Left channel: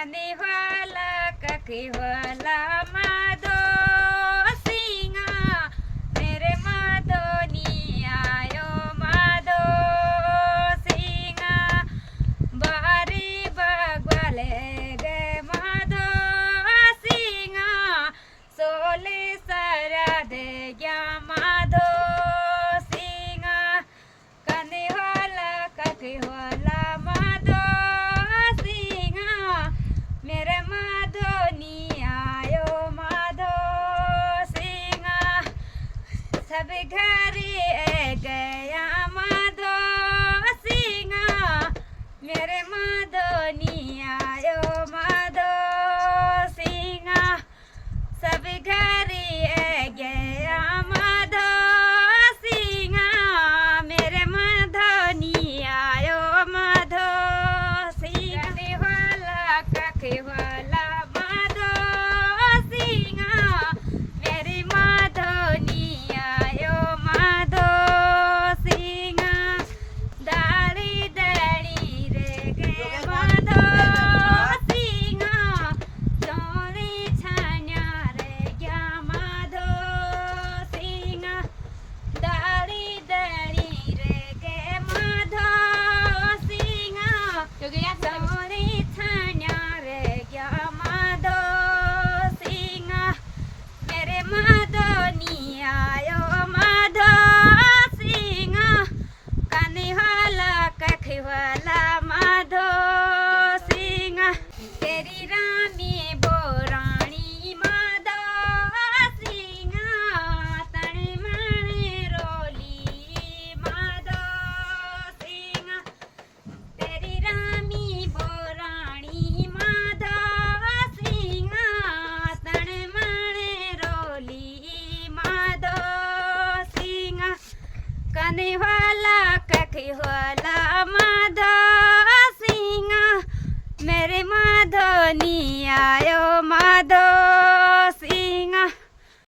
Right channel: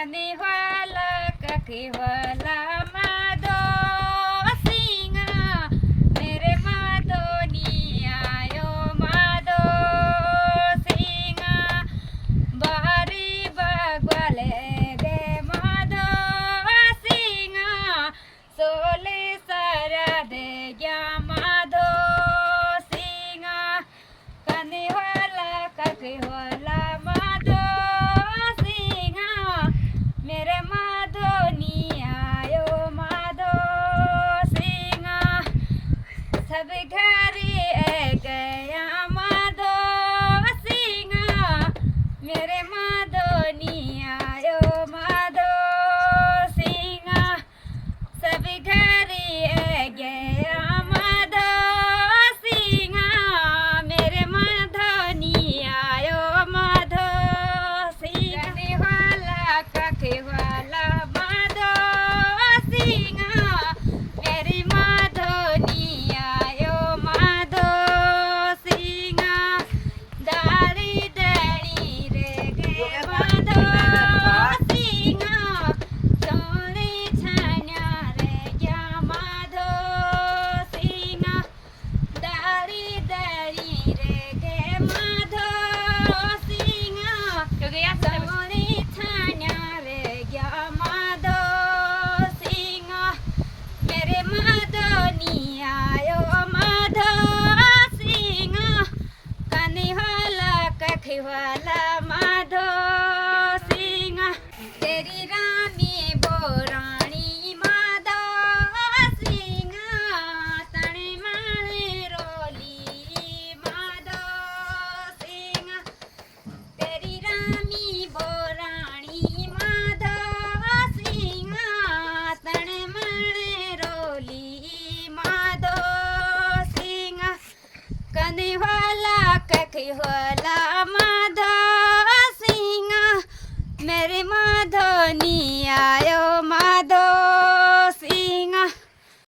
कने वाला कखे वाला माधो सिंगा मेरे माधो नी आयो माधो सिंगा बारी बगवाले गे माधो सिंगा सोले सारा दे गया माधो सिंगा कने वाला कखे वाला माधो सिंगा मेरे माधो नी आयो माधो सिंगा सब घर गया माधो सिंगा मेरे माधो नी आयो माधो सिंगा सब घर गया माधो सिंगा मेरे माधो नी आयो माधो सिंगा कने वाला कखे वाला माधो सिंगा मेरी माधो नी आयो माधो सिंगा दाड़ी दाड़ी रे गे माधो सिंगा सोने छान्या रे गया माधो सिंगा दाड़ी दाड़ी रे गे माधो सिंगा सोने छान्या रे गया माधो सिंगा मेरे माधो नी आयो माधो सिंगा कने वाला कखे वाला माधो सिंगा तेरी रामी बोराणी माधो सिंगा तने माणे रोली माधो सिंगा तेरी रामी बोराणी माधो सिंगा तने माणे रोली माधो सिंगा कने वाला कखे वाला माधो सिंगा मेरे माधो नी आयो माधो सिंगा